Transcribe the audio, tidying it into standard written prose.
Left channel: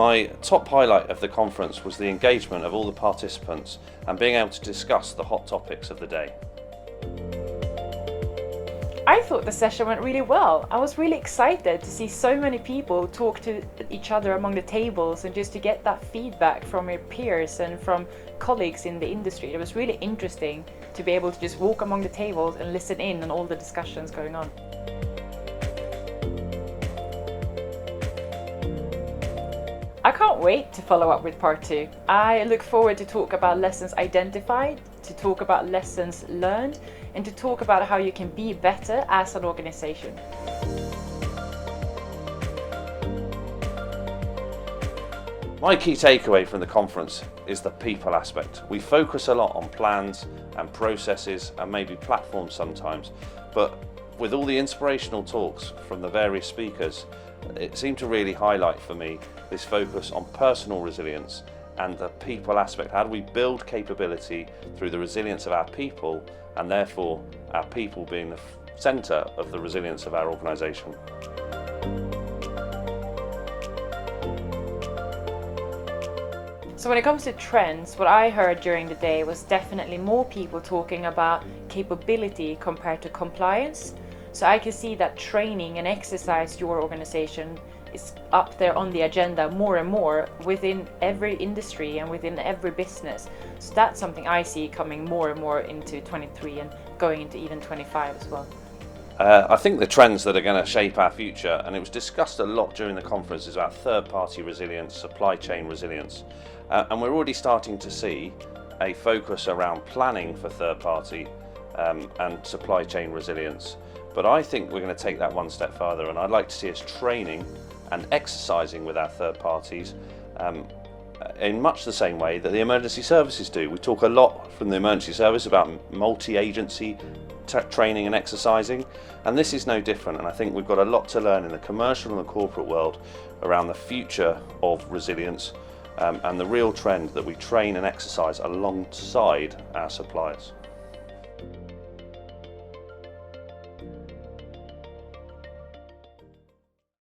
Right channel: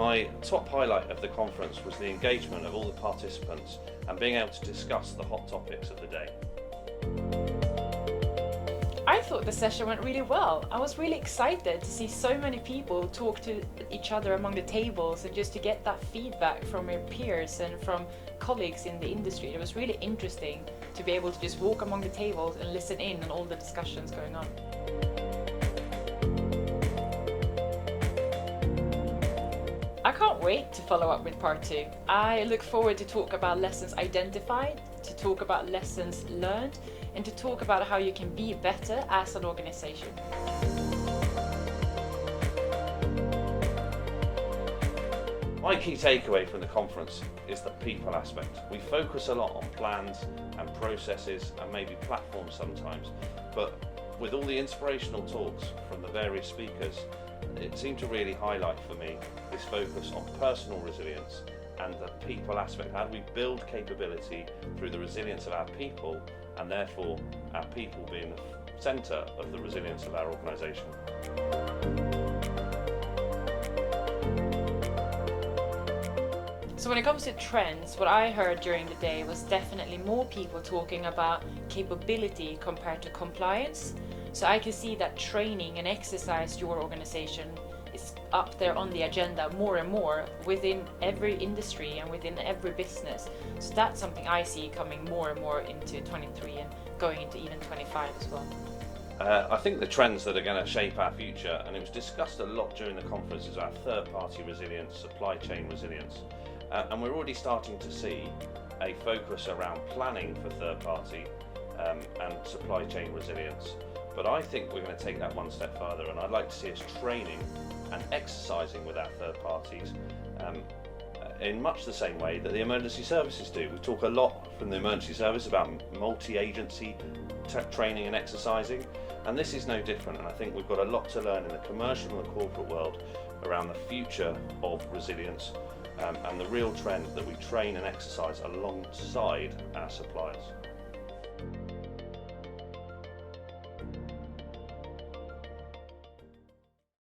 My top highlight of the conference was the engagement of all the participants and being able to discuss the hot topics of the day. I thought the session went really well. I was really excited to see so many people talk to each other among the tables and just to get that feedback from your peers and from colleagues in the industry. It was really interesting to be able to just walk among the tables and listen in on all the discussions going on. I can't wait to follow up with part 2. I look forward to talk about lessons identified, to talk about lessons learned, and to talk about how you can be better as an organization. My key takeaway from the conference is the people aspect. We focus a lot on plans and processes and maybe platforms sometimes, but with all the inspirational talks from the various speakers, it seemed to really highlight for me this focus on personal resilience and the people aspect. How do we build capability through the resilience of our people, and therefore our people being the centre of the resilience of our organisation. So when it comes to trends, what I heard during the day was definitely more people talking about capability compared to compliance. So I can see that training and exercise your organization is up there on the agenda more and more within every industry and within every business. So that's something I see coming more and more into 23 and going into even 25 as well. I think the trends that are going to shape our future, and it was discussed a lot during the conference, is about third-party resilience, supply chain resilience. And we're already starting to see a focus around planning for third-party and supply chain resilience. But I think we're going to take that one step further, and I'd like to see us training and exercising with our third parties in much the same way that the emergency services do. We talk a lot from the emergency service about multi-agency training and exercising, and this is no different. And I think we've got a lot to learn in the commercial and the corporate world around the future of resilience and the real trend that we train and exercise alongside our suppliers.